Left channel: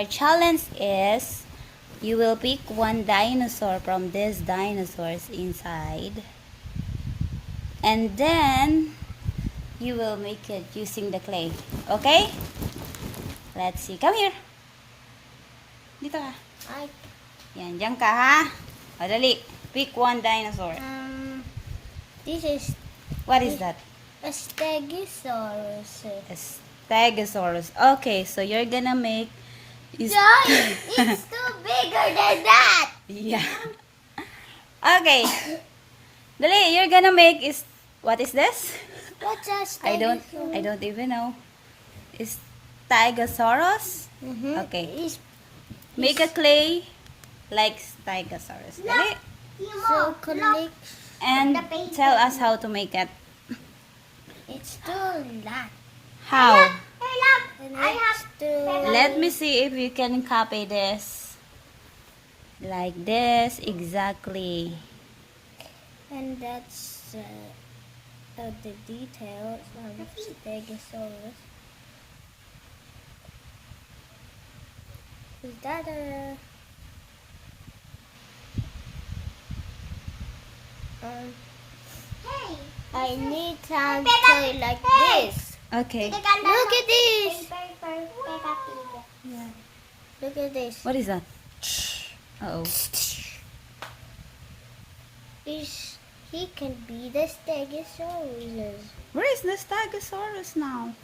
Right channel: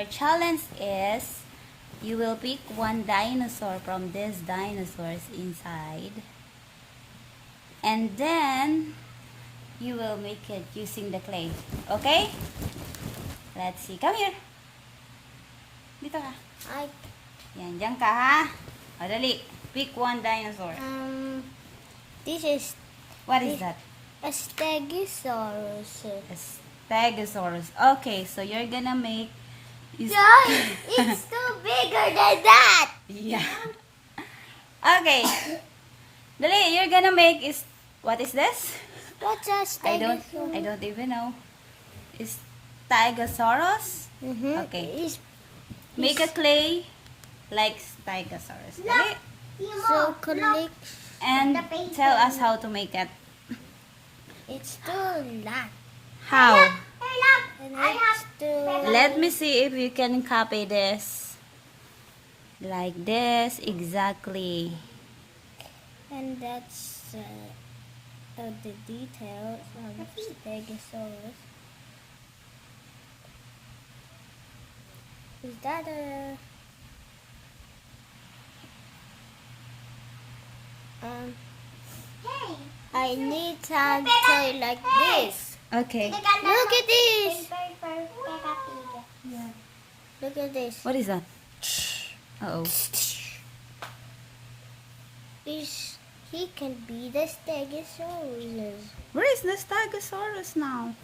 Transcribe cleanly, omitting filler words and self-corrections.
Our challenge is you will pick one dinosaur from these dinosaurs inside. And then you will make it using the clay. Okay? Let's see. Come here. Dito ka. Yan, dyan ka ha. O, dali. Pick one dinosaur. This is What is that? a stegosaurus. A stegosaurus. Okay, so you're gonna make... It's too bigger than that. Yeah. Okay. Dali, you're gonna make is... What is this? What's a I stegosaurus? don't even know. Is Stegosaurus? Okay. Make a clay like Stegosaurus. Dali. So collect. And tell us how to make it. It's too long. How? And it's too. Let me see if you can copy this. Like this, exactly. And that's the details of stegosaurus. Is that a I need some toy like this. Okay. Look at this. Look at this. What is that? Uh-oh. He can be the stegosaurus. Where is the Stegosaurus now?